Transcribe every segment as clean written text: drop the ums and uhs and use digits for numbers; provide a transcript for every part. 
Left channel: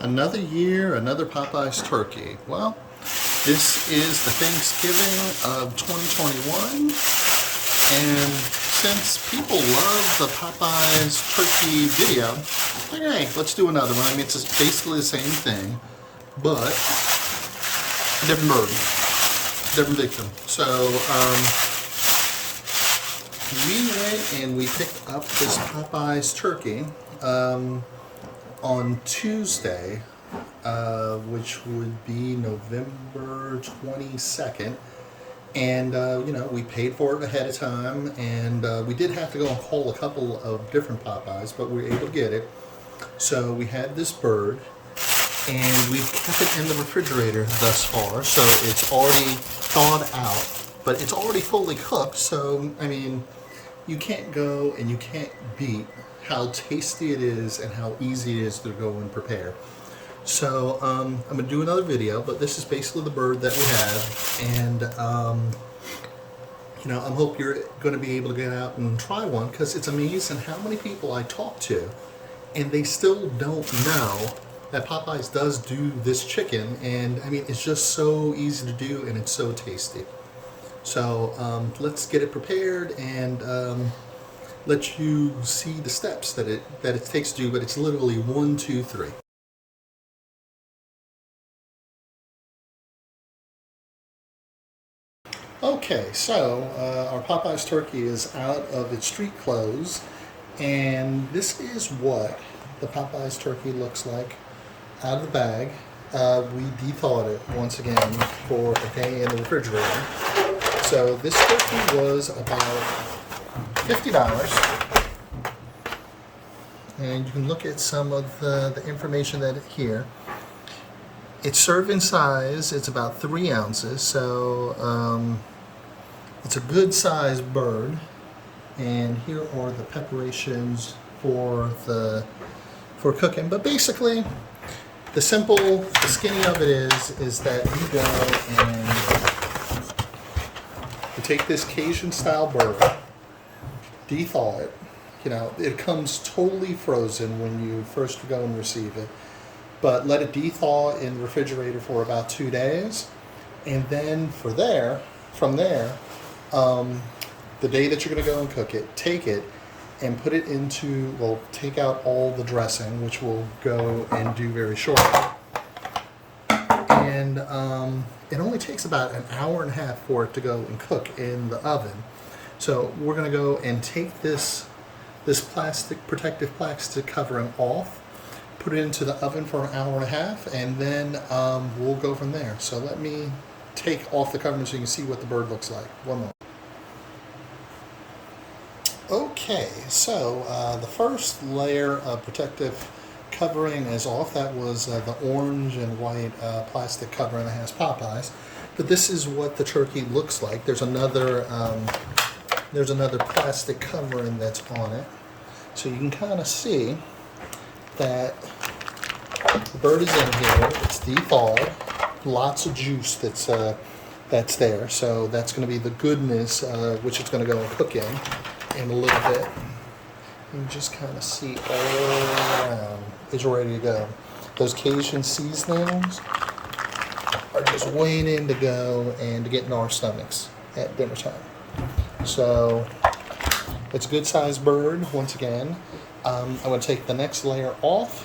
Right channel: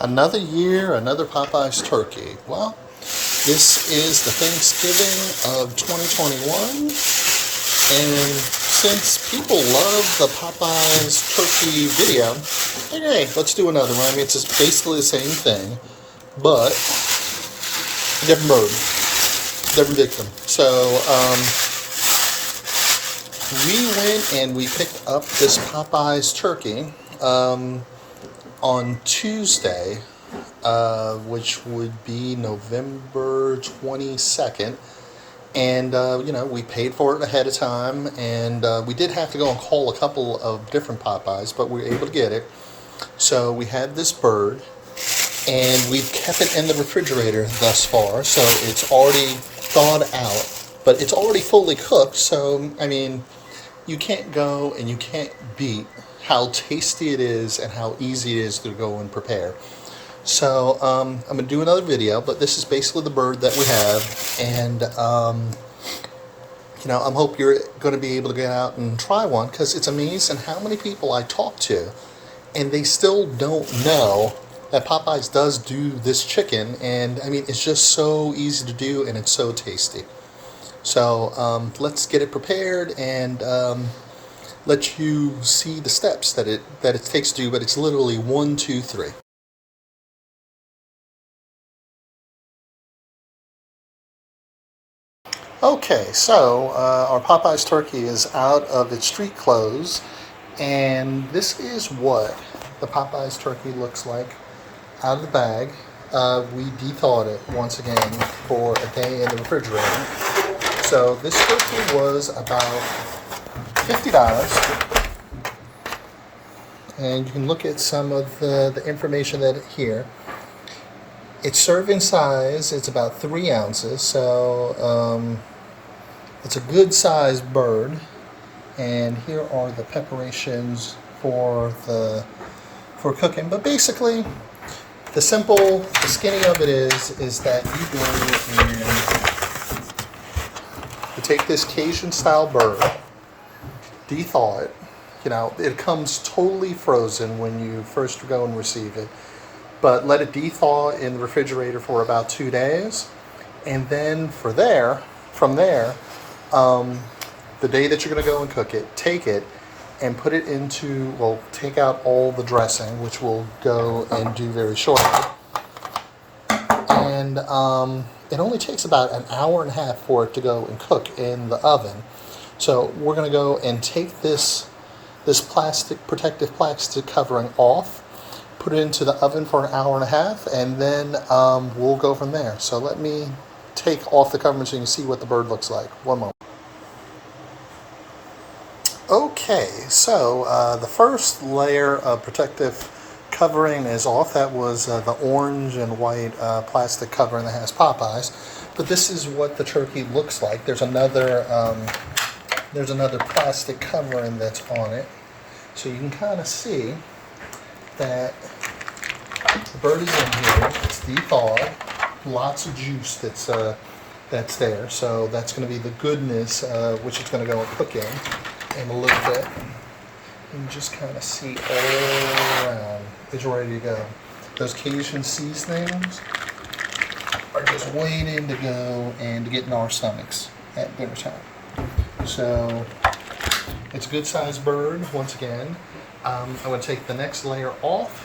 Another year, another Popeye's turkey. Well, this is the Thanksgiving of 2021, and since people love the Popeye's turkey video, hey, let's do another one. I mean, it's basically the same thing, but a different bird, different victim. So we went and we picked up this Popeye's turkey on Tuesday, which would be November 22nd. And, we paid for it ahead of time, and we did have to go and call a couple of different Popeyes, but we were able to get it. So we had this bird, and we've kept it in the refrigerator thus far, so it's already thawed out, but it's already fully cooked, so, I mean, you can't go and you can't beat how tasty it is and how easy it is to go and prepare. So I'm going to do another video, but this is basically the bird that we have, and I hope you're going to be able to get out and try one, because it's amazing how many people I talk to and they still don't know that Popeyes does do this chicken, and I mean, it's just so easy to do and it's so tasty. So let's get it prepared and let you see the steps that it takes to do, but it's literally 1, 2, 3. Okay, so our Popeye's turkey is out of its street clothes, and this is what the Popeye's turkey looks like out of the bag. We de-thawed it once again for a day in the refrigerator. So this turkey was about $50, and you can look at some of the information that here. Its serving size, it's about 3 ounces, so it's a good sized bird. And here are the preparations for cooking. But basically, the skinny of it is that you go and you take this Cajun style bird, de-thaw it. It comes totally frozen when you first go and receive it, but let it de-thaw in the refrigerator for about 2 days, and then from there, the day that you're going to go and cook it, take it and put it into, take out all the dressing, which we'll go and do very shortly. And it only takes about an hour and a half for it to go and cook in the oven. So we're going to go and take this protective plastic covering off, put it into the oven for an hour and a half, and then we'll go from there. So let me take off the covering so you can see what the bird looks like. One moment. Okay, so the first layer of protective covering is off. That was the orange and white plastic covering that has Popeyes. But this is what the turkey looks like. There's another plastic covering that's on it. So you can kind of see that the bird is in here. It's de-thawed. Lots of juice that's there. So that's going to be the goodness which it's going to go and cook in a little bit. You can just kind of see all around. It's ready to go. Those Cajun seasonings are just waiting to go and to get in our stomachs at wintertime. So it's a good sized bird. Once again, I'm going to take the next layer off,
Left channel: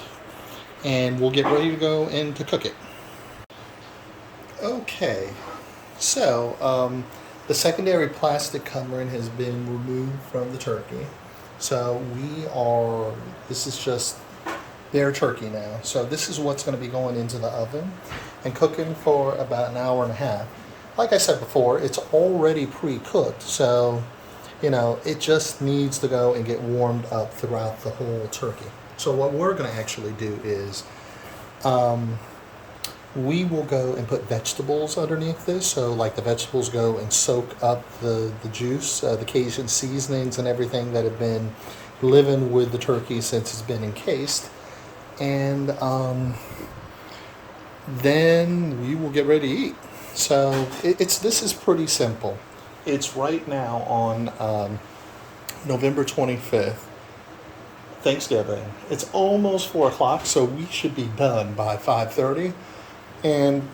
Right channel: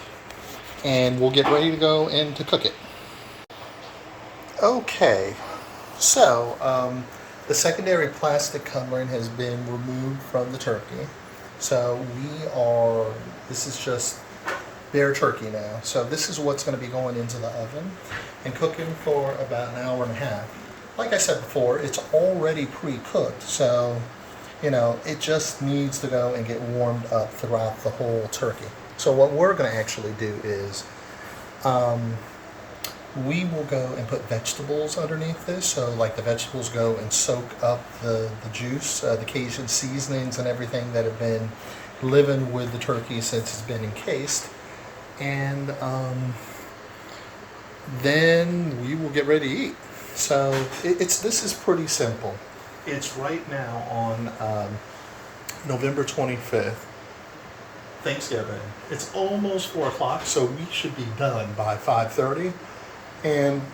and we'll get ready to go and to cook it. Okay, so the secondary plastic covering has been removed from the turkey. So this is just bare turkey now. So this is what's going to be going into the oven and cooking for about an hour and a half. Like I said before, it's already pre-cooked, so it just needs to go and get warmed up throughout the whole turkey. So what we're going to actually do is we will go and put vegetables underneath this. So like the vegetables go and soak up the juice, the Cajun seasonings and everything that have been living with the turkey since it's been encased. And then we will get ready to eat. So this is pretty simple. It's right now on November 25th. Thanksgiving. It's almost 4 o'clock, so we should be done by 5:30, and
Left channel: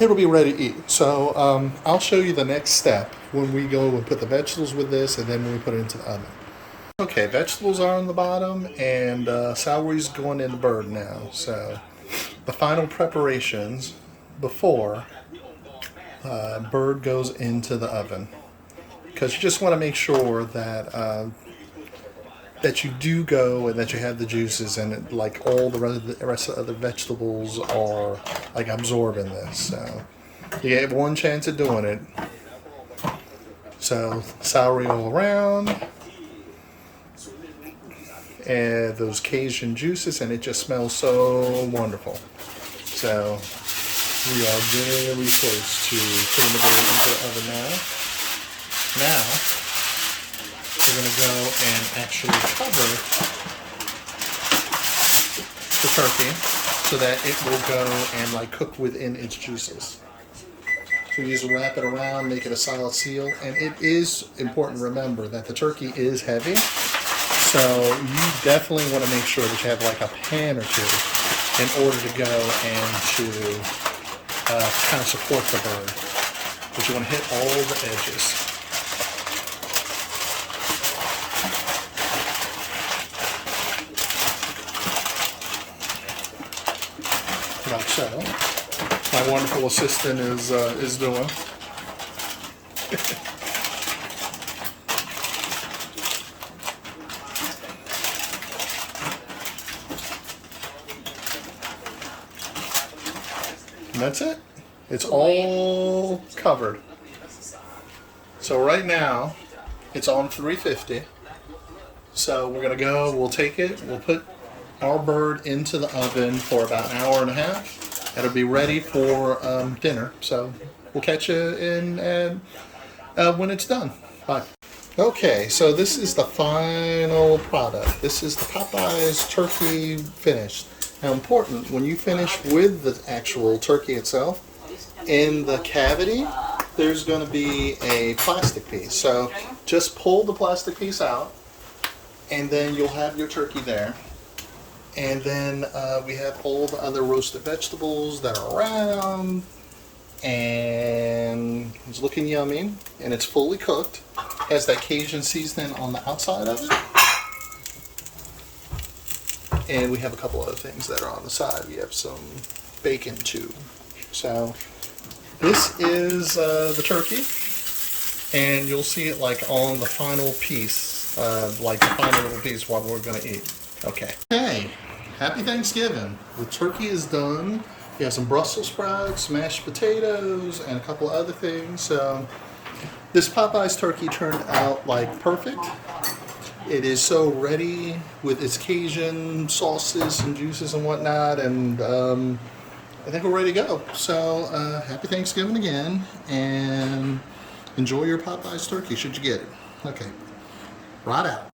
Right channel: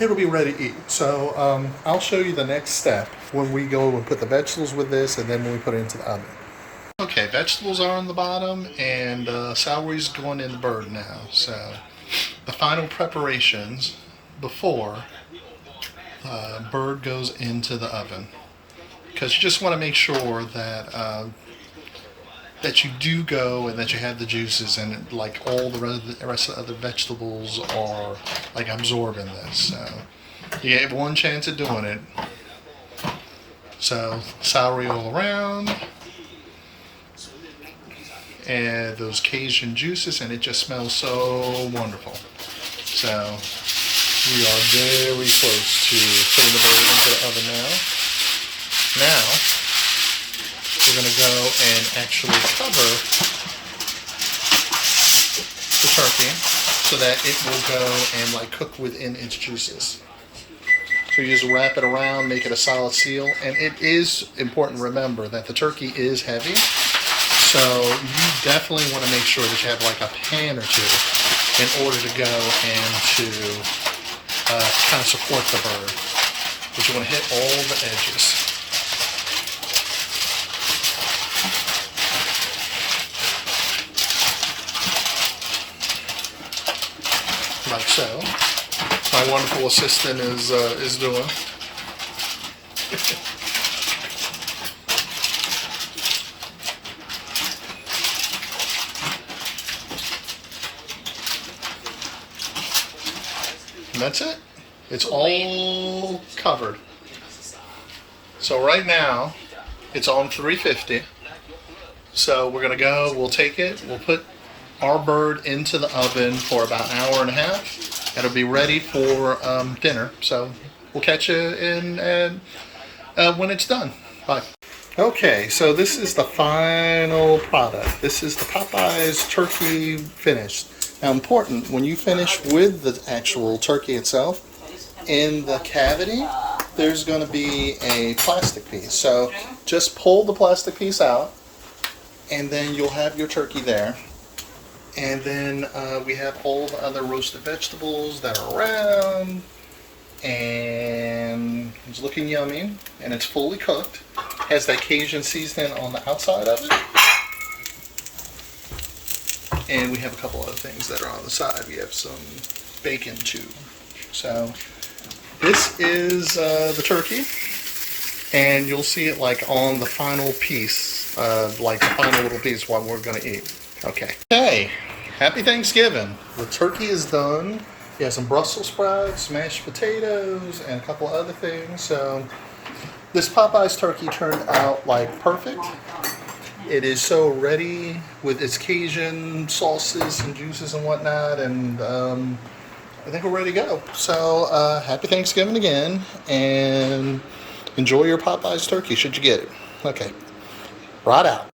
it'll be ready to eat. So I'll show you the next step when we go and put the vegetables with this, and then when we put it into the oven. Okay, vegetables are on the bottom, and celery's going in the bird now. So the final preparations before bird goes into the oven, because you just want to make sure that that you do go and that you have the juices and like all the rest of the other vegetables are like absorbing this. So you get one chance at doing it. So celery all around, and those Cajun juices, and it just smells so wonderful. So we are very close to putting the bird into the oven now. Now we're going to go and actually cover the turkey so that it will go and like cook within its juices. So you just wrap it around, make it a solid seal, and it is important to remember that the turkey is heavy. So you definitely want to make sure that you have like a pan or two in order to go and to kind of support the bird. But you want to hit all the edges. Like so. My wonderful assistant is doing. And that's it. It's all covered. So right now, it's on 350. So we're gonna go, we'll take it, we'll put our bird into the oven for about an hour and a half. It'll be ready for dinner. So we'll catch you in when it's done. Bye. Okay, so this is the final product. This is the Popeye's turkey finished. Now important, when you finish with the actual turkey itself, in the cavity, there's going to be a plastic piece. So just pull the plastic piece out, and then you'll have your turkey there. And then we have all the other roasted vegetables that are around, and it's looking yummy, and it's fully cooked. Has that Cajun seasoning on the outside of it. And we have a couple other things that are on the side. We have some bacon too. So this is the turkey, and you'll see it like on the final piece, like the final little piece what we're gonna eat. Okay. Hey, happy Thanksgiving. The turkey is done. You have some Brussels sprouts, mashed potatoes, and a couple other things. So this Popeye's turkey turned out like perfect. It is so ready with its Cajun sauces and juices and whatnot, and I think we're ready to go. So happy Thanksgiving again, and enjoy your Popeye's turkey should you get it. Okay, right out.